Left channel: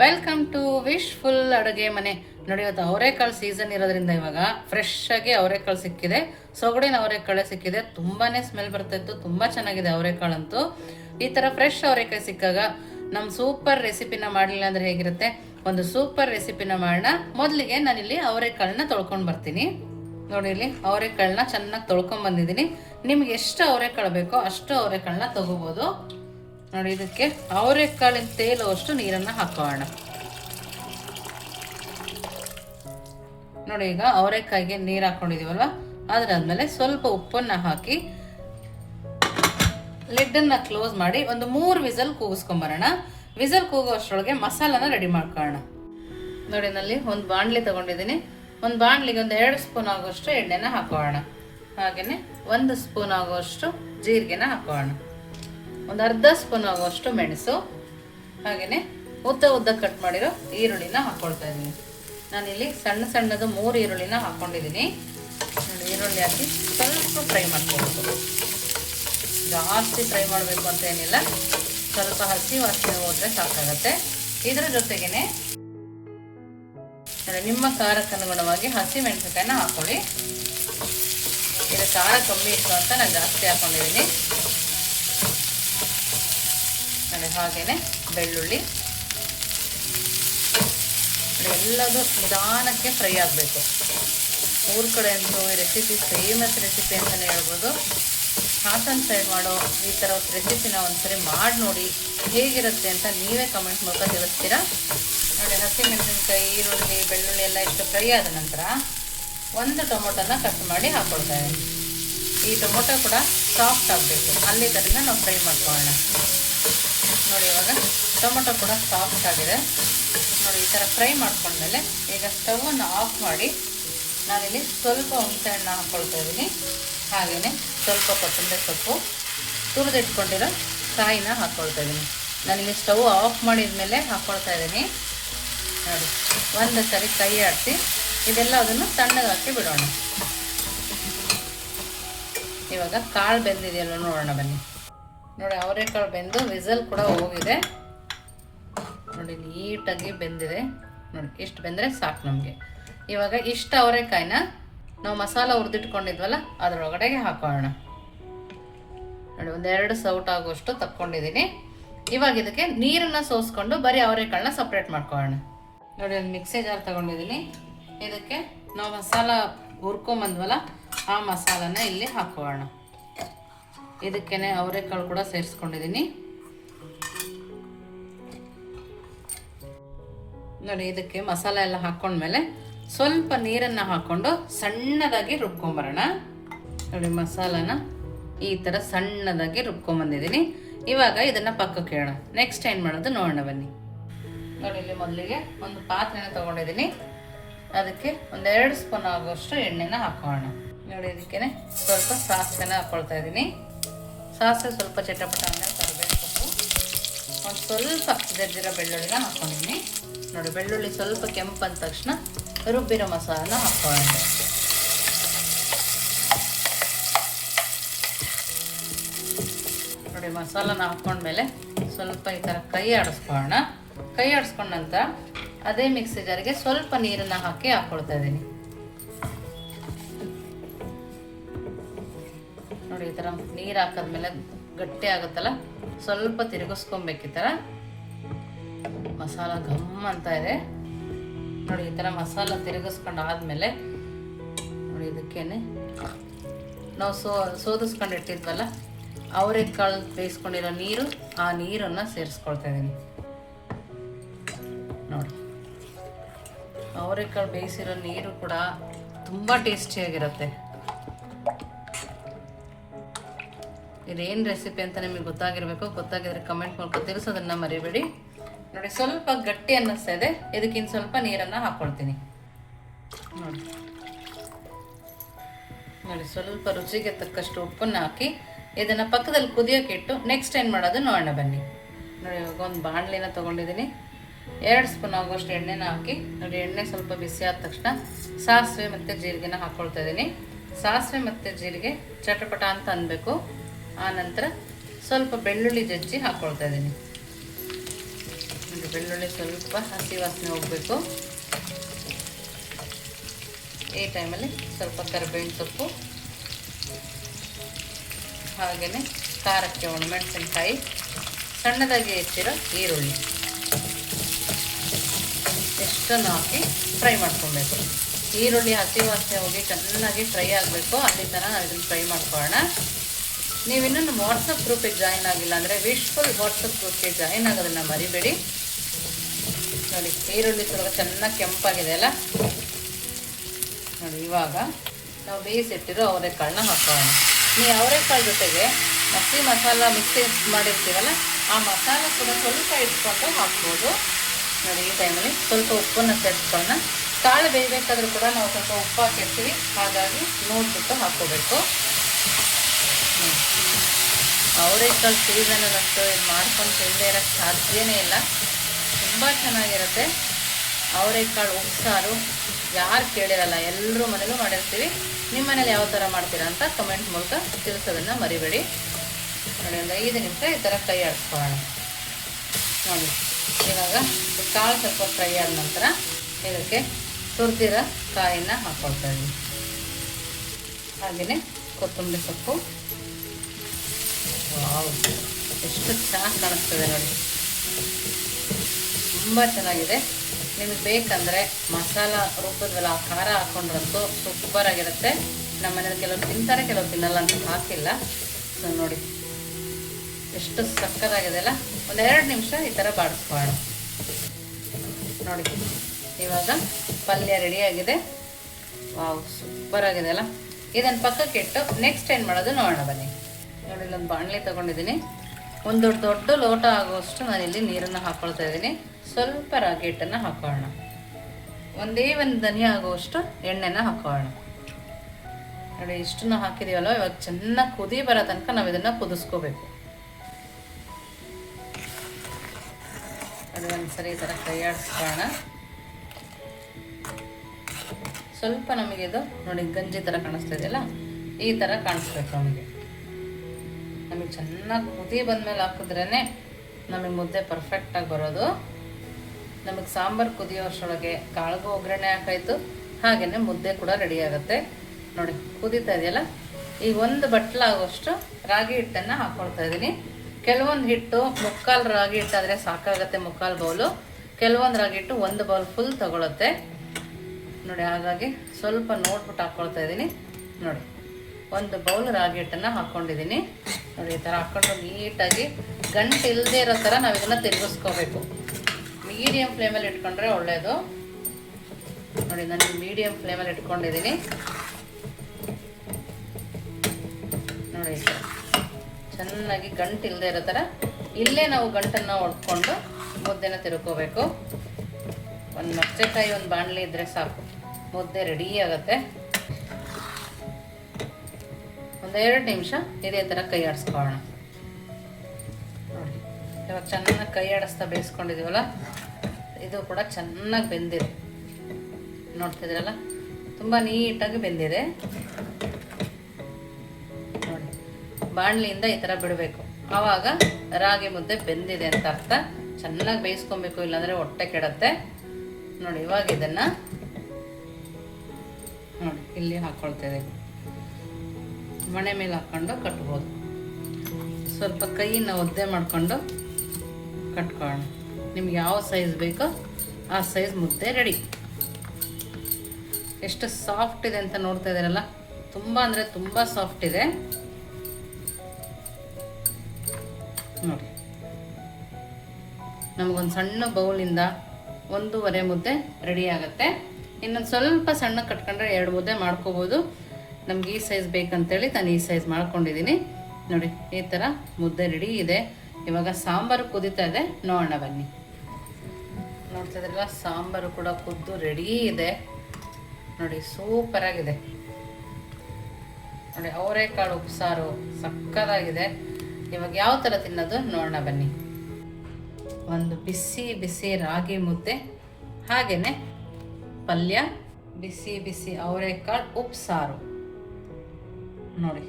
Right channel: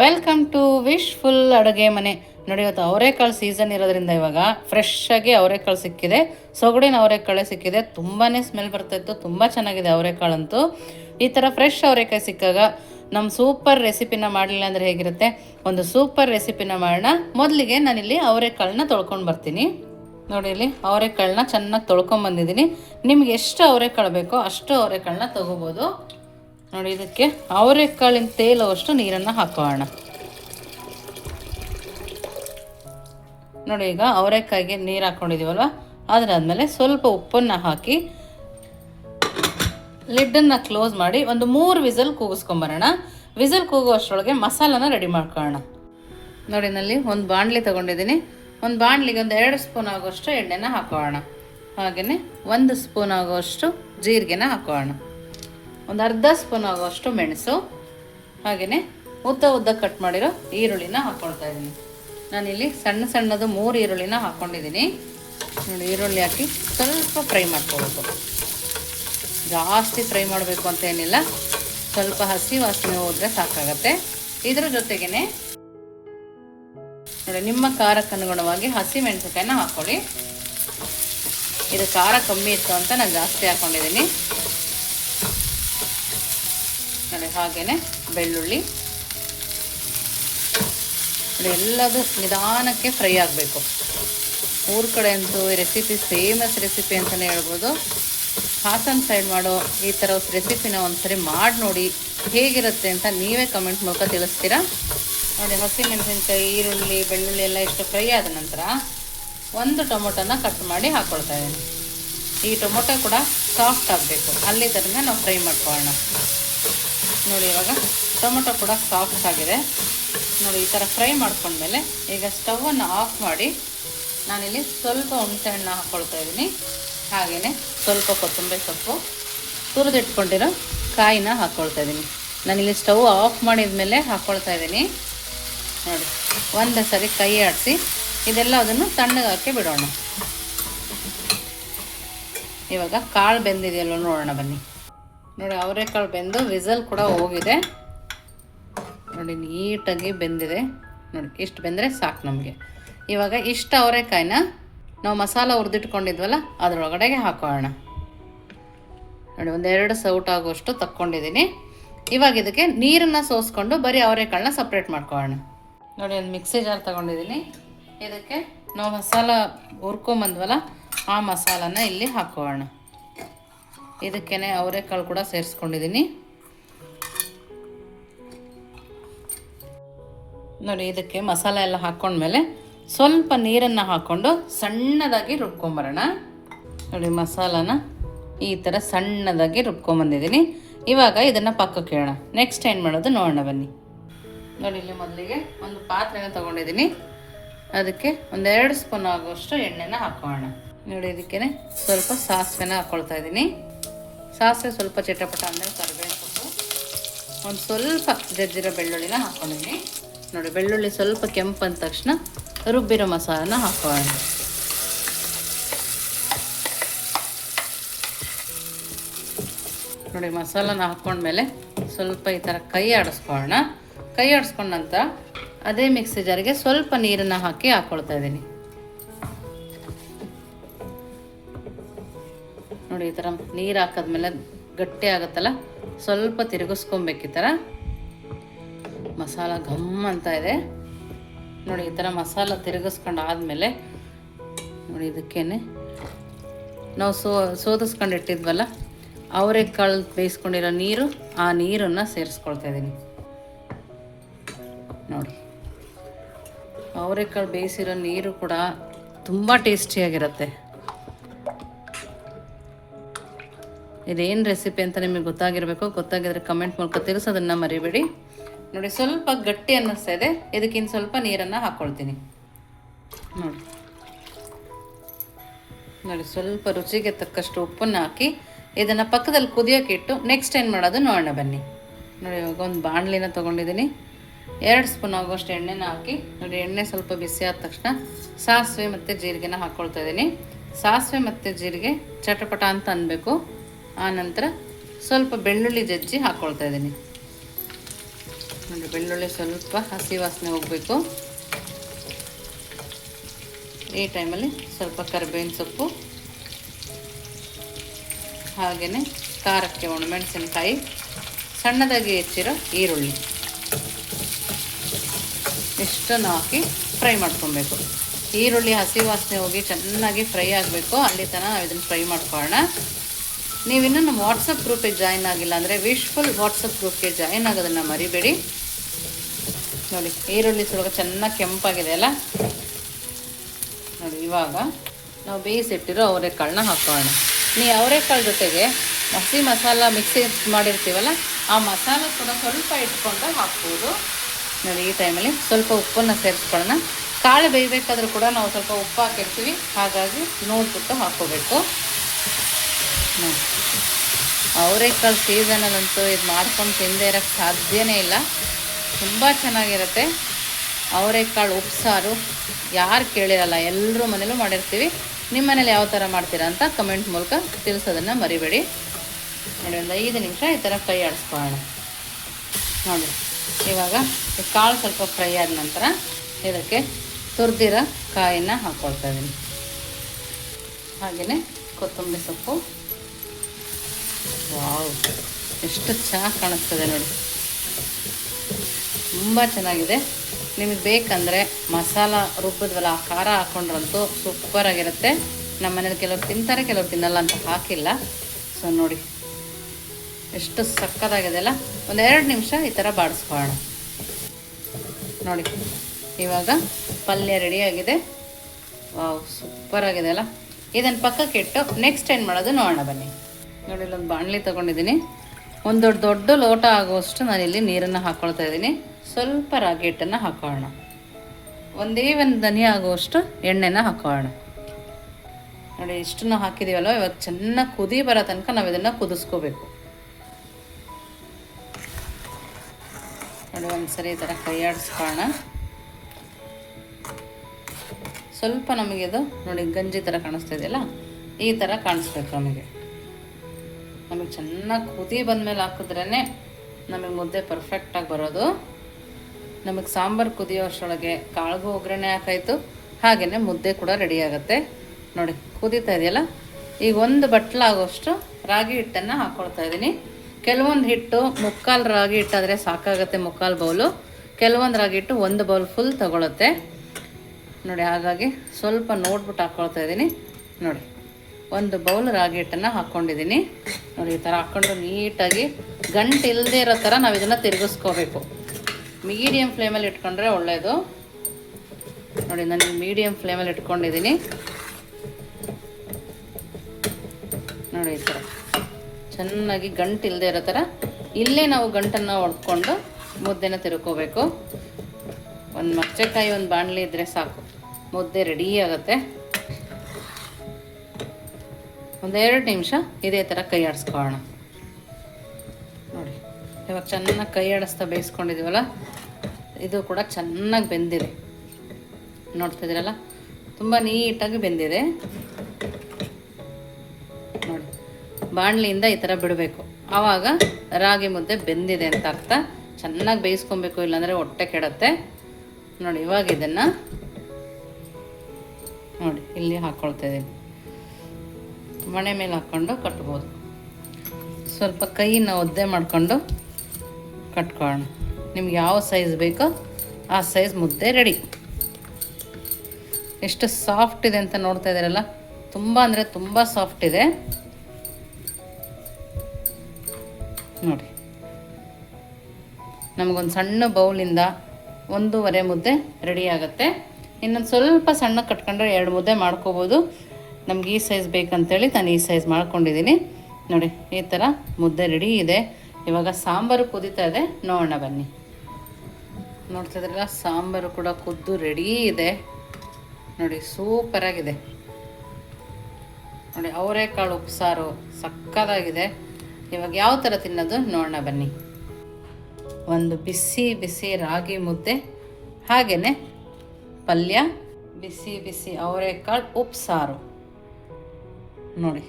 Welcome to wish full ಅಡುಗೆ ಮನೆ. ನಡೆಯುತ್ತೆ ಅವರೆಕಾಳು ಸೀಸನ್ ಇರೋದ್ರಿಂದ ಇವಾಗ ಫ್ರೆಶ್ ಆಗಿ ಅವರೆಕಾಳು ಸಿಕ್ಕಿದೆ. ಸೊಗಡಿನ ಅವರೆಕಾಳೆ ಸಿಕ್ಕಿದೆ. ತುಂಬಾ ಸ್ಮೆಲ್ ಬರ್ತಾಯಿತ್ತು ತುಂಬ ಚೆನ್ನಾಗಿದೆ ಅವರೆಕಾಳಂತೂ. ಈ ಥರ ಫ್ರೆಶ್ ಅವರೆಕಾಯಿ ಸಿಕ್ಕಾಗ ನಮ್ಮ ಸೂಪರ್ ರೆಸಿಪಿನ ಮಾಡಲಿಲ್ಲ ಅಂದರೆ ಹೇಗಿರುತ್ತೆ? ಒಂದು ಸೂಪರ್ ರೆಸಿಪಿನ ಮಾಡೋಣ. ಮೊದಲಿಗೆ ನಾನಿಲ್ಲಿ ಅವರೆಕಾಳನ್ನ ತೊಳ್ಕೊಂಡು ಬರ್ತೀನಿ. ನೋಡಿ ಇಲ್ಲಿ, ಅವರೆಕಾಳನ್ನ ಚೆನ್ನಾಗಿ ತೊಳ್ಕೊಂಡ್ ಬಂದಿದ್ದೀನಿ. ನಿಮ್ಗೆ ಎಷ್ಟು ಅವರೆಕಾಳು ಬೇಕೋ ಅಷ್ಟು ಅವರೆಕಾಳನ್ನ ತೊಗೋಬೋದು. ನೋಡಿ ಇದಕ್ಕೆ ಅವರೆಕಾಳಿನ ತೇಲುವಷ್ಟು ನೀರನ್ನು ಹಾಕೋಣ. ನೋಡಿ ಈಗ ಅವರೆಕಾಯಿಗೆ ನೀರು ಹಾಕ್ಕೊಂಡಿದ್ದೀವಲ್ವ ಅದರಾದ್ಮೇಲೆ ಸ್ವಲ್ಪ ಉಪ್ಪನ್ನು ಹಾಕಿ ಲಿಡ್ಡನ್ನು ಕ್ಲೋಸ್ ಮಾಡಿ ಒಂದು ಮೂರು ವಿಸಲ್ ಕೂಗಿಸ್ಕೊಂಬರೋಣ. ವಿಸಲ್ ಕೂಗೋ ಅಷ್ಟರೊಳಗೆ ಮಸಾಲಾನ ರೆಡಿ ಮಾಡ್ಕೊಳ್ಳೋಣ. ನೋಡಿ ನಲ್ಲಿ ಒಂದು ಬಾಣಲಿ ತಗೊಂಡಿದ್ದೀನಿ. ಒಂದು ಬಾಣಲಿಗೆ ಒಂದು ಎರಡು ಸ್ಪೂನ್ ಆಗೋಷ್ಟು ಎಣ್ಣೆನ ಹಾಕೋಣ. ಹಾಗೆಯೇ ಒಂದು ಸ್ಪೂನ್ ಆಗೋಷ್ಟು ಜೀರಿಗೆನ ಹಾಕೋಣ. ಒಂದು ಅರ್ಧ ಸ್ಪೂನ್ ಆಗುವಷ್ಟು ಮೆಣಸು ಹಾಗೆಯೇ ಉದ್ದ ಉದ್ದ ಕಟ್ ಮಾಡಿರೋ ಈರುಳ್ಳಿನ ಹಾಕ್ಕೊಳ್ತಾ ಇದ್ದೀನಿ. ನಾನಿಲ್ಲಿ ಸಣ್ಣ ಸಣ್ಣದು ಮೂರು ಈರುಳ್ಳಿನ ಹಾಕ್ಕೊಂಡಿದ್ದೀನಿ ನೋಡಿ, ಈರುಳ್ಳಿ ಹಾಕಿ ಸ್ವಲ್ಪ ಫ್ರೈ ಮಾಡ್ಕೊಳ್ಬೇಕು. ಜಾಸ್ತಿ ಫ್ರೈ ಮಾಡಬೇಕು ಅಂತ ಏನಿಲ್ಲ. ಸ್ವಲ್ಪ ಹಸಿ ವಾಸನೆ ಹೋದರೆ ಸಾಕಾಗತ್ತೆ. ಇದರ ಜೊತೆಗೇ ನೋಡಿ, ನಿಮ್ಮ ಖಾರಕ್ಕೆ ಅನುಗುಣವಾಗಿ ಹಸಿ ಮೆಣಸಿನ್ಕಾಯಿನ ಹಾಕ್ಕೊಳ್ಳಿ ಇದು ಖಾರ ಕಮ್ಮಿ ಇತ್ತು ಅಂತ ನಾನು ಜಾಸ್ತಿ ಹಾಕ್ಕೊಂಡಿದ್ದೀನಿ ಹಾಗೆಯೇ ಬೆಳ್ಳುಳ್ಳಿ. ಎಲ್ಲದೂ ನಿಧಾನಕ್ಕೆ ಫ್ರೈ ಆಗಬೇಕು. ಊರ ಕಡೆ ಅಂತೂ ರೆಸಿಪಿ ಫೇಮಸ್ ರೆಸಿಪಿ ಅಂತಲೇ ಹೇಳ್ಬೋದು. ಹಾಸನ್ ಸೈಡ್ ಮಾಡೋ ಈ ಥರ ರೆಸಿಪಿನ ಒಂದ್ಸರಿ ಮಾಡಿ ನೋಡಿ ಹೇಗಿರುತ್ತೆ ಅಂತ ನೀವೇ ಕಮೆಂಟ್ ಮೂಲಕ ತಿಳಿಸ್ತೀರಾ? ನೋಡಿ ಹಸಿಮೆಣಸಿನ್ಕಾಯಿ ಈರುಳ್ಳಿ, ಬೆಳ್ಳುಳ್ಳಿ ಎಲ್ಲ ಇಷ್ಟು ಫ್ರೈ ಆದ ನಂತರ ಒಂದು ಟೊಮೊಟೊನ ಕಟ್ ಮಾಡಿ ಹಾಕ್ಕೊಳ್ತಾ ಈ ಟೊಮೊಟೊ ಕೂಡ ಸಾಫ್ಟ್ ಆಗಬೇಕು. ಅಲ್ಲಿ ತನಕ ನಾವು ಫ್ರೈ ಮಾಡ್ಕೊಳ್ಳೋಣ. ನೋಡಿ, ಇವಾಗ ಟೊಮೊಟೊ ಕೂಡ ಸಾಫ್ಟ್ ಆಗಿದೆ. ನೋಡಿ, ಈ ಥರ ಫ್ರೈ ಮಾಡ್ಕೊಂಡ್ಮೇಲೆ ಈಗ ಸ್ಟವನ್ನು ಆಫ್ ಮಾಡಿ ನಾನಿಲ್ಲಿ ಸ್ವಲ್ಪ ಹುಣಸೆಹಣ್ಣು ಹಾಕ್ಕೊಳ್ತಾ ಇದ್ದೀನಿ. ಹಾಗೆಯೇ ಸ್ವಲ್ಪ ಕೊತ್ತಂಬರಿ ಸೊಪ್ಪು, ತುರಿದಿಟ್ಕೊಂಡಿರೋ ಕಾಯಿನ ಹಾಕ್ಕೊಳ್ತಾ ಇದ್ದೀನಿ. ನಾನಿಲ್ಲಿ ಸ್ಟವ್ ಆಫ್ ಮಾಡಿದ ಮೇಲೆ ಹಾಕ್ಕೊಳ್ತಾ ಇದ್ದೀನಿ. ನೋಡಿ, ಒಂದು ಸರಿ ಕೈ ಆಡಿಸಿ ಇದೆಲ್ಲ ಅದನ್ನು ತಣ್ಣಗೆ ಹಾಕಿ ಬಿಡೋಣ. ಇವಾಗ ಕಾಳು ಬೆಂದಿದೆಯಲ್ಲ ನೋಡೋಣ ಬನ್ನಿ. ನೋಡಿ ಅವರೆಕಾಳು ಬೆಂದು ವಿಸಲ್ ಕೂಡ ಹೋಗಿದೆ. ನೋಡಿ, ನೀಟಾಗಿ ಬೆಂದಿದೆ. ನೋಡಿ, ಇಷ್ಟು ಬೆಂದರೆ ಸಾಕು ನಮಗೆ. ಇವಾಗ ಇಷ್ಟು ಅವರೆಕಾಯಿನ ನಾವು ಮಸಾಲ ಹುರಿದಿಟ್ಕೊಂಡಿದ್ವಲ್ಲ, ಅದರೊಳಗಡೆಗೆ ಹಾಕೋಣ. ನೋಡಿ, ಒಂದೆರಡು ಸೌಟ್ ಆಗುವಷ್ಟು ತಕ್ಕೊಂಡಿದ್ದೀನಿ. ಇವಾಗ ಇದಕ್ಕೆ ನೀರನ್ನು ಸೋಸ್ಕೊಂಡು ಬರೀ ಅವರೆಕಾಳನ್ನ ಸಪ್ರೇಟ್ ಮಾಡ್ಕೊಳ್ಳೋಣ. ನೋಡಿ, ಒಂದು ಮಿಕ್ಸಿ ಜಾರ್ ತಗೊಂಡಿದ್ದೀನಿ. ಇದಕ್ಕೆ ನಾವು ಮಸಾಲ ಹುರ್ಕೊಂಬಂದ್ವಲ್ಲ, ಆ ಮಸಾಲನ ಇಲ್ಲಿ ಹಾಕೋಣ. ಇದಕ್ಕೇನೆ ಅವರೆಕಾಳು ಕೂಡ ಸೇರಿಸ್ಕೊಂಡಿದ್ದೀನಿ. ನೋಡಿ, ಇದಕ್ಕೆ ಮಸಾಲೆ ಎಲ್ಲ ಹಾಕ್ಕೊಂಡ್ಮೇಲೆ ಸ್ವಲ್ಪ ನೀರನ್ನು ಹಾಕ್ಕೊಂಡು ಸಣ್ಣದಾಗಿ ರುಬ್ಕೊಂಬರೋಣ. ನೋಡಿ, ಮಸಾಲಾನ ಈ ಥರ ಸಣ್ಣದಾಗಿ ರುಬ್ಕೊಂಬಂದಿದ್ದೀನಿ. ಇವಾಗ ಇದನ್ನು ಪಕ್ಕಕ್ಕೆ ಇಡೋಣ ನೆಕ್ಸ್ಟ್ ಏನು ಮಾಡೋದು ನೋಡೋಣ ಬನ್ನಿ. ನೋಡಿ, ಇಲ್ಲಿ ಮೊದಲಿಗೆ ಒಂದು ಪಾತ್ರೆನ ತೊಗೊಂಡಿದ್ದೀನಿ. ಅದಕ್ಕೆ ಒಂದೆರಡು ಸ್ಪೂನ್ ಆಗುವಷ್ಟು ಎಣ್ಣೆನ ಹಾಕೋಣ. ನೋಡಿ ಇದಕ್ಕೆ ಸ್ವಲ್ಪ ಸಾಸಿವೆನ ಹಾಕ್ಕೊಳ್ತಾ ಇದ್ದೀನಿ. ಸಾಸಿವೆ ಸ್ವಲ್ಪ ಚಟಪಟ ಅಂದರೆ ಕರಿಬೇವು ಸೊಪ್ಪು ಒಂದು ಸ್ವಲ್ಪ ಜಜ್ಜಿರೋ ಬೆಳ್ಳುಳ್ಳಿನ ಹಾಕ್ಕೊಂಡಿದ್ದೀನಿ ನೋಡಿ, ಬೆಳ್ಳುಳ್ಳಿ ಸ್ವಲ್ಪ ಕೆಂಪು ಅಂದ ತಕ್ಷಣ ರುಬ್ಬಿರೋ ಮಸಾಲನ ಹಾಕೋಣ. ನೋಡಿ, ಮಸಾಲನ ಹಾಕ್ಕೊಂಡ್ಮೇಲೆ ಸ್ವಲ್ಪ ಈ ಥರ ಕೈ ಆಡಿಸ್ಕೊಳ್ಳೋಣ. ಕೈ ಆಡಿಸ್ಕೊಂಡ ನಂತರ ಅದೇ ಮಿಕ್ಸಿ ಜಾರಿಗೆ ಸ್ವಲ್ಪ ನೀರನ್ನು ಹಾಕಿ ಹಾಕ್ಕೊಳ್ತಾ ಇದ್ದೀನಿ. ಈ ಥರ ನೀರು ಹಾಕಿದ್ಮೇಲೆ ಗಟ್ಟಿ ಆಗುತ್ತಲ್ಲ, ಸ್ವಲ್ಪ ತಿರುಗಿಸ್ಕೊಬೇಕು ಈ ಥರ ಮಸಾಲ ಘಮ್ ಅಂತ ಇದೆ. ನೋಡಿ, ಈ ಥರ ಮಸಾಲ ತಿರುಗಿಸ್ಕೊಂಡು ಆದಮೇಲೆ ನೋಡಿ ಇದಕ್ಕೇನೆ ನಾವು ಸೋ, ಸೋದಿಸ್ಕೊಂಡು ಇಟ್ಟಿದ್ವಲ್ಲ ಅವರೆಕಾಳು ಬೇಯಿಸ್ಕೊಂಡಿರೋ ನೀರು, ಆ ನೀರನ್ನು ಸೇರಿಸ್ಕೊಳ್ತಾ ಇದ್ದೀನಿ ನೋಡಿ ಅವರೆಕಾಳು ಬೇಯಿಸಿರೋ ನೀರು ಕೂಡ ತುಂಬ ಟೇಸ್ಟಿಯಾಗಿರುತ್ತೆ. ಇದೇನು ರೆಸಿಪಿ ಅಂತ ನಿಮಗೆ ಗೊತ್ತಾಗಿರಬೇಕು, ಗೊತ್ತಾಗಿದ್ರೆ ಕಮೆಂಟ್ ಮೂಲಕ ತಿಳಿಸೋದನ್ನು ಮರಿಬೇಡಿ. ನೋಡಿ, ಸ್ವಲ್ಪ ಗಟ್ಟಿ ಅನ್ನಿಸ್ತಾ ಇದೆ. ಇದಕ್ಕಿಂತ ಸ್ವಲ್ಪ ನೀರನ್ನು ಹಾಕ್ಕೊಳ್ತೀನಿ ನೋಡಿ ನೋಡಿ, ಸ್ವಲ್ಪ ರುಚಿಗೆ ತಕ್ಕಷ್ಟು ಉಪ್ಪನ್ನು ಹಾಕಿ ಇದನ್ನು ಪಕ್ಕದಲ್ಲಿ ಕುದಿಯೋಕೆ ಇಟ್ಟು ನೆಕ್ಸ್ಟ್ ಏನು ಮಾಡೋದು ನೋಡೋಣ ಬನ್ನಿ. ನೋಡಿ ಒಂದು ಬಾಣಲಿನ ತೊಗೊಂಡಿದ್ದೀನಿ. ಎರಡು ಸ್ಪೂನ್ ಆಗೋಷ್ಟು ಎಣ್ಣೆನ ಹಾಕಿ, ನೋಡಿ, ಎಣ್ಣೆ ಸ್ವಲ್ಪ ಬಿಸಿ ಆದ ತಕ್ಷಣ ಸಾಸಿವೆ ಮತ್ತು ಜೀರಿಗೆನ ಹಾಕ್ಕೊಳ್ತಾ ಇದ್ದೀನಿ. ಸಾಸಿವೆ ಮತ್ತು ಜೀರಿಗೆ ಚಟಪಟ ಅಂತ ಅನ್ಬೇಕು. ಆ ನಂತರ ಸ್ವಲ್ಪ ಬೆಳ್ಳುಳ್ಳಿ ಜಜ್ಜಿ ಹಾಕ್ಕೊಳ್ತಾ ಇದ್ದೀನಿ. ಬೆಳ್ಳುಳ್ಳಿ ಸ್ವಲ್ಪ ಹಸಿ ವಾಸನೆ ಹೋಗಬೇಕು. ಈ ಟೈಮಲ್ಲಿ ಸ್ವಲ್ಪ ಕರಿಬೇವಿನ ಸೊಪ್ಪು ಹಾಗೆಯೇ ಖಾರಕ್ಕೆ ಒಣಮೆಣಸಿನ್ಕಾಯಿ ಸಣ್ಣದಾಗಿ ಹೆಚ್ಚಿರೋ ಈರುಳ್ಳಿ. ಎಷ್ಟನ್ನು ಹಾಕಿ ಫ್ರೈ ಮಾಡ್ಕೊಬೇಕು ಈರುಳ್ಳಿ ಹಸಿ ವಾಸನೆ ಹೋಗಿ ಚೆನ್ನಾಗಿ ಫ್ರೈ ಆಗಬೇಕು. ಅಲ್ಲಿ ತನಕ ಇದನ್ನು ಫ್ರೈ ಮಾಡ್ಕೊಳ್ಳೋಣ. ನೀವಿನ್ನೂ ನಮ್ಮ ವಾಟ್ಸಪ್ ಗ್ರೂಪಿಗೆ ಜಾಯಿನ್ ಆಗಿಲ್ಲ ಅಂದರೆ ವಿಶ್ಫುಲ್ ವಾಟ್ಸಪ್ ಗ್ರೂಪ್ಗೆ ಜಾಯಿನ್ ಆಗೋದನ್ನು ಮರಿಬೇಡಿ. ನೋಡಿ, ಈರುಳ್ಳಿ ಸ್ವಲ್ಪ ಚೆನ್ನಾಗಿ ಕೆಂಪಾಗಿದೆ ಅಲ್ಲ? ನೋಡಿ, ಇವಾಗ ನಾವು ಬೇಯಿಸಿಟ್ಟಿರೋ ಅವರೆಕಾಳನ್ನ ಹಾಕೋಣ. ನೀವು ಅವರೆಕಾಳು ಜೊತೆಗೆ ಹಸಿ ಮಸಾಲ ಮಿಕ್ಸಿ ಮಾಡಿರ್ತೀವಲ್ಲ, ಆ ಮಸಾಲ ಕೂಡ ಸ್ವಲ್ಪ ಇಟ್ಕೊಂಡು ಹಾಕ್ಬೋದು. ನೋಡಿ, ಈ ಟೈಮಲ್ಲಿ ಸ್ವಲ್ಪ ಉಪ್ಪನ್ನು ಸೇರಿಸ್ಕೊಳ್ಳೋಣ. ಕಾಳು ಬೇಯಬೇಕಾದ್ರೂ ಕೂಡ ನಾವು ಸ್ವಲ್ಪ ಉಪ್ಪು ಹಾಕಿರ್ತೀವಿ. ಹಾಗಾಗಿ ನೋಡ್ಬಿಟ್ಟು ಹಾಕ್ಕೋಬೇಕು. ಅವರೆಕಾಳು ಸೀಸನಲ್ಲಂತೂ ಇದು ಮಾಡ್ಕೊಂಡು ತಿಂದೇ ಇರೋಕ್ಕೆ ಸಾಧ್ಯನೇ ಇಲ್ಲ. ತುಂಬ ಚೆನ್ನಾಗಿರುತ್ತೆ. ಅವರೆಕಾಳು ಉಪ್ಸಾರು ಯಾರು ಕೇಳಿರಲ್ಲ ಎಲ್ಲರೂ ಮನೇಲೂ ಮಾಡಿರ್ತೀವಿ. ನಿಮ್ಮ ಮನೇಲಿ ಯಾವ ಥರ ಮಾಡ್ತೀರಾ ಅಂತ ಕಮೆಂಟ್ ಮೂಲಕ ತಿಳಿಸೋದನ್ನು ಮರಿಬೇಡಿ. ನೋಡಿ, ಒಂದು ಐದು ನಿಮಿಷ ಈ ಥರ ಕೈ ಆಡಿಸ್ಕೊಳ್ಳೋಣ. ನೋಡಿ, ಇವಾಗ ಕಾಳು ಸ್ವಲ್ಪ ಫ್ರೈ ಆದ ನಂತರ ಇದಕ್ಕೆ ತುರಿದಿರೋ ಕಾಯಿನ ಹಾಕ್ಕೊಳ್ತಾ ಇದ್ದೀನಿ ಹಾಗೆಯೇ ಕೊತ್ತಂಬರಿ ಸೊಪ್ಪು ವಾವ್. ಎಷ್ಟು ಚೆನ್ನಾಗಿ ಕಾಣಿಸ್ತದೆ ನೋಡಿ. ತುಂಬ ಚೆನ್ನಾಗಿದೆ. ನಿಮಗೆ ಬೇಕಂದರೆ ಮಸಾಲ ರೂಪದಲ್ಲ ಆ ಖಾರ ಹಾಕ್ಕೊಂಡ್ರಂತೂ ಸೂಪರಾಗಿರುತ್ತೆ ನಮ್ಮ ಮನೇಲಿ ಕೆಲವ್ರು ತಿಂತಾರೆ, ಕೆಲವ್ರು ತಿನ್ನಲ್ಲ ಅಂತ ಹಾಕಿಲ್ಲ. ಸೊ ನೋಡಿ, ಎಷ್ಟು ಸಕ್ಕತ್ತಾಗಿದೆ ಅಲ್ಲ. ಒಂದೆರಡು ನಿಮಿಷ ಈ ಥರ ಬಾಡಿಸ್ಕೊಳ್ಳೋಣ. ನೋಡಿ, ಇವಾಗ ಪಲ್ಯ ರೆಡಿಯಾಗಿದೆ ವಾವ್ ಸೂಪರ್ ಆಗಿದೆ ಅಲ್ಲ. ಇದನ್ನು ಪಕ್ಕಕ್ಕೆ ಇಟ್ಟು ನೆಕ್ಸ್ಟ್ ಏನು ಮಾಡೋದು ನೋಡೋಣ ಬನ್ನಿ. ನೋಡಿ, ಇಲ್ಲೊಂದು ಬಾಣಲಿ ತಗೊಂಡಿದ್ದೀನಿ. ಒಂದು ದೊಡ್ಡ ದೊಡ್ಡ ಲೋಟ ಆಗುವಷ್ಟು ನಾನಿಲ್ಲಿ ನೀರನ್ನು ಹಾಕ್ಕೊಳ್ತಾ ಇದ್ದೀನಿ. ಸ್ವಲ್ಪ ರಾಗಿ ಹಿಟ್ಟನ್ನು ಹಾಕೋಣ ಒಂದೇ ಒಂದು ದನಿ ಆಗುವಷ್ಟು ಎಣ್ಣೆನ ಹಾಕೋಣ ನೋಡಿ, ಇಷ್ಟನ್ನು ಹಾಕಿದೀವಲ್ವ? ಇವಾಗ ಚೆನ್ನಾಗಿ ಕುದಿ ಬರೋ ತನಕ ನಾವು ಇದನ್ನು ಕುದಿಸ್ಕೋಬೇಕು. ನೋಡಿ, ಒಂದ್ಸರಿ ಈ ಥರ ಕೈಯಾಡಿಸ್ಕೋಣ ಸ್ವಲ್ಪ ನಮಗೆ ಇದು ನೋಡಿ, ಗಂಜಿ ಥರ ಕಾಣಿಸ್ತಾ ಇದೆಯಲ್ಲ? ಈ ಥರ ಕಾಣಿಸ್ಬೇಕು ನಮಗೆ. ನಮಗೆ ಚೆನ್ನಾಗಿ ಕುದಿ ಬಂದಮೇಲೆ ಹಾಕಿದ್ರೇ ನಮಗೆ ಮುದ್ದೆ ಪರ್ಫೆಕ್ಟಾಗಿ ಬರೋದು. ನಮಗೆ ಸಾಂಬಾರು ಕುದಿಯೋ ಅಷ್ಟರೊಳಗೆ ಕಾಳಿಗೂ ಒಗ್ಗರಣೆ ಹಾಕಾಯ್ತು. ಹಾಗೆಯೇ ಮುದ್ದೆ ಕೂಡ ರೆಡಿ ಆಗುತ್ತೆ. ನೋಡಿ, ಕುದೀತಾ ಇದೆಯಲ್ಲ? ಈಗ ಒಂದು ಬಟ್ಲಾಗುವಷ್ಟು ರಾಗಿ ಹಿಟ್ಟನ್ನು ಹಾಕ್ಕೊಳ್ತಾ ಇದ್ದೀನಿ. ಕೆಲವೊಂದು ಹಿಟ್ಟು ಮುಕ್ಕಾಲು ರಾಗಿ ಹಿಟ್ಟಾದರೆ ಸಾಕಾಗುತ್ತೆ ಮುಕ್ಕಾಲು ಬೌಲು. ಕೆಲವೊಂದು ರಾಗಿ ಹಿಟ್ಟು ಒಂದು ಬೌಲ್ ಫುಲ್ ತಗೊಳುತ್ತೆ. ನೋಡಿ, ಹಾಗಾಗಿ ಸ್ವಲ್ಪ ನೋಡ್ಬಿಟ್ಟು ಹಾಕ್ಕೊಳ್ತಾ ಇದ್ದೀನಿ. ನೋಡಿ. ಒಂದು ಬೌಲ್ ರಾಗಿ ಹಿಟ್ಟನ್ನು ಹಾಕ್ಕೊಂಡಿದ್ದೀನಿ ನೋಡಿ, ಈ ಥರ ಹಾಕ್ಕೊಂಡು ನೀಟಾಗಿ ಗಂಟು ಇಲ್ಲದೆ ಇರೋ ಥರ ನಾವು ಇದನ್ನು ತಿರುಗಿಸ್ಕೋಬೇಕು. ಮೀಡಿಯಮ್ ಫ್ಲೇಮಲ್ಲಿ ಇಟ್ಕೊಂಡ್ರೆ ಒಳ್ಳೆಯದು ನೋಡಿ, ನಾನು ಮೀಡಿಯಮ್ ಫ್ಲೇಮಲ್ಲಿ ಇಟ್ಕೊಂಡಿದ್ದೀನಿ. ನೋಡಿ, ಈ ಥರ ಚೆನ್ನಾಗಿ ಗಂಟು ಇಲ್ಲದೆ ಇರೋ ಥರ ಇಲ್ಲೇ ನಾವು ಗಂಟನ್ನು ಹೊಡ್ಕೊಂಡು ಮುದ್ದೆನ ತಿರ್ಕೋಬೇಕು ಒಂದು ಮೊಚ್ಚೆಕಾಯಿ ಒಂದು ಬಾಣಲಿ ಇದ್ದರೆ ಸಾಕು. ಮುದ್ದೆ ರೆಡಿ ಆಗುತ್ತೆ. ಒಂದೆರಡು ನಿಮಿಷ ಇದೇ ಥರ ಕೈ ಆಡಿಸ್ಕೊಳ್ಳೋಣ. ನೋಡಿ, ಇವಾಗ ಚೆನ್ನಾಗಿ ಕೈ ಆಡಿಸ್ತಾ ಬೇಯಿಸ್ಕೊಂಡಿದ್ದೀವಲ್ಲ, ಇದು ಕೂಡ ಚೆನ್ನಾಗಿ ಬೆಂದಿದೆ. ನೋಡ್ತಿದ್ರಲ್ಲ ತುಂಬ ನೀಟಾಗಿ ಬೆಂದಿದೆ. ನೋಡಿ, ಬಾಣಲಿಯಿಂದ ಈ ಥರ ಬಿಡಬೇಕು. ಆವಾಗ ರಾಗಿ ಮುದ್ದೆ ಬೆಂದಿದೆ ಅಂತ ಅರ್ಥ. ಚೆನ್ನಾಗಿ ಬೇಯಿಸ್ಕೊಬೇಕು, ಇಲ್ಲಾಂದರೆ ಹೊಟ್ಟೆ ಕೆಡುತ್ತೆ. ನೋಡಿ, ಇವಾಗ ಇದನ್ನು ನೋಡಿ, ಇಲ್ಲಿ ಹಾಕ್ಕೊಳ್ತಾ ಇದ್ದೀನಿ. ಮಣೆ ಮೇಲೆ ಹಾಕ್ಕೊಂಡು ಕಟ್ಬೋದು. ಸ್ವಲ್ಪ ಕೈನ ಒದ್ದೆ ಮಾಡಿಕೊಂಡು ಕಟ್ಕೊಳ್ಳೋಣ. ನಿಮ್ಗೆ ಯಾವ ಸೈಜ್ ಬೇಕೋ ಆ ಸೈಜ್ ಮುದ್ದೆ ರೆಡಿ ಎಷ್ಟು ಸಾಫ್ಟ್ ಇದೆ ಅಂತ ನೋಡ್ತಾ ಇದ್ದಾರಲ್ಲ? ತುಂಬ ಅಂದರೆ ತುಂಬ ಸಾಫ್ಟ್ ಇದೆ. ನೋಡಿ. ನಮಗೊಂದು ಸಣ್ಣ ಬೌಲಿಂದ ಒಂದೂವರೆ ಮುದ್ದೆ ರೆಡಿ ಆಗುತ್ತೆ. ಇನ್ನೊಂದು ಸ್ವಲ್ಪ ಸಣ್ಣ ಕಟ್ಕೊಂಡ್ರೆ ಎರಡು ಮುದ್ದೆ ಮಾಡ್ಕೋಬೋದು. ನಮ್ಗೆ ಈ ಸೈಜ್ ಬೇಕಂತೇಳಿ ನಾನು ಈ ಸೈಜ್ ಮಾಡ್ಕೊಂಡಿದ್ದೀನಿ. ನೋಡಿ, ಈ ಥರ ಮುದ್ದೆ ರೆಡಿ ಇದೆ. ಇವಾಗ ಸಾಂಬಾರು ಕುದೀತಾ ಇದೆ. ನೋಡೋಣ ಬನ್ನಿ. ನೋಡ್ತಿದ್ರಲ್ಲ ಸಾಂಬಾರು ಕೂಡ ಕುದ್ದು ರೆಡಿ ಇದೆ. ನೋಡಿ ಸೂಪರಾಗಿದೆ ನೋಡಿ, ಅವರೆಕಾಳು ಉಪ್ಸಾರು ಸಕ್ಕದಾಗಿದೆ. ಇವಾಗ ಯಾವ ಥರ ತಿನ್ನೋದು ನೋಡೋಣ ಬನ್ನಿ. ಒಂದು ಬಿಸಿ ಬಿಸಿ ರಾಗಿ ಮುದ್ದೆ ಹಾಗೆಯೇ ಪಲ್ಯ, ಬಿಸಿ ಬಿಸಿ ಅವರೆಕಾಳು ಉಪ್ಸಾರು. ನೋಡಿ,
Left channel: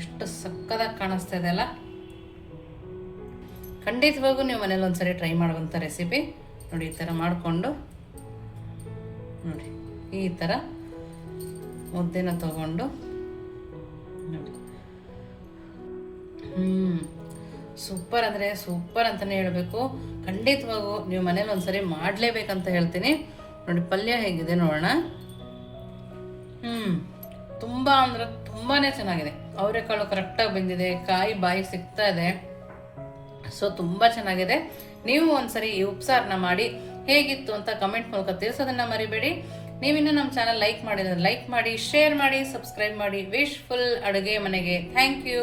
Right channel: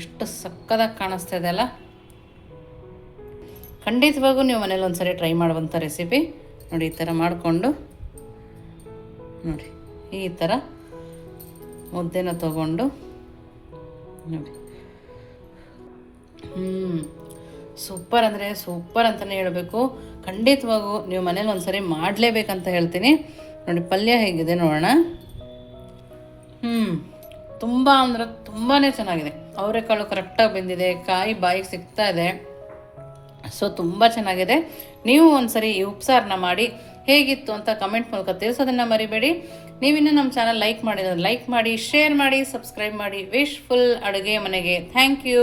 ಎಷ್ಟು ಸಕ್ಕದಾಗಿ ಕಾಣಿಸ್ತಾ ಇದೆ ಅಲ್ಲ? ಖಂಡಿತವಾಗೂ ನೀವು ಮನೇಲಿ ಒಂದ್ಸರಿ ಟ್ರೈ ಮಾಡುವಂಥ ರೆಸಿಪಿ ನೋಡಿ, ಈ ಥರ ಮಾಡಿಕೊಂಡು, ನೋಡಿ, ಈ ಥರ ಮುದ್ದೆನ ತಗೊಂಡು, ನೋಡಿ. ಹ್ಞೂ ಸೂಪರ್ ಅಂದರೆ ಸೂಪರ್ ಅಂತಲೇ ಹೇಳಬೇಕು. ಖಂಡಿತವಾಗೂ ನೀವು ಮನೇಲಿ ಒಂದ್ಸರಿ ಮಾಡಲೇಬೇಕಂತ ಹೇಳ್ತೀನಿ. ನೋಡಿ, ಪಲ್ಯ ಹೇಗಿದೆ ನೋಡೋಣ. ಹ್ಞೂ ತುಂಬ ಅಂದ್ರೆ ತುಂಬಾ ಚೆನ್ನಾಗಿದೆ. ಅವರೆಕಾಳು ಕರೆಕ್ಟಾಗಿ ಬೆಂದಿದೆ, ಕಾಯಿ ಬಾಯಿಗೆ ಸಿಗ್ತಾ ಇದೆ. ಸೊ ತುಂಬ ಚೆನ್ನಾಗಿದೆ. ನೀವು ಒಂದ್ಸರಿ ಈ ಉಪ್ಸಾರನ್ನ ಮಾಡಿ ಹೇಗಿತ್ತು ಅಂತ ಕಮೆಂಟ್ ಮೂಲಕ ತಿಳಿಸೋದನ್ನ ಮರಿಬೇಡಿ. ನೀವಿನ್ನೂ ನಮ್ಮ ಚಾನಲ್ ಲೈಕ್ ಮಾಡಿದ್ರೆ ಲೈಕ್ ಮಾಡಿ ಶೇರ್ ಮಾಡಿ ಸಬ್ಸ್ಕ್ರೈಬ್ ಮಾಡಿ. ವಿಶ್ಫುಲ್ ಅಡುಗೆ ಮನೆಗೆ. Thank you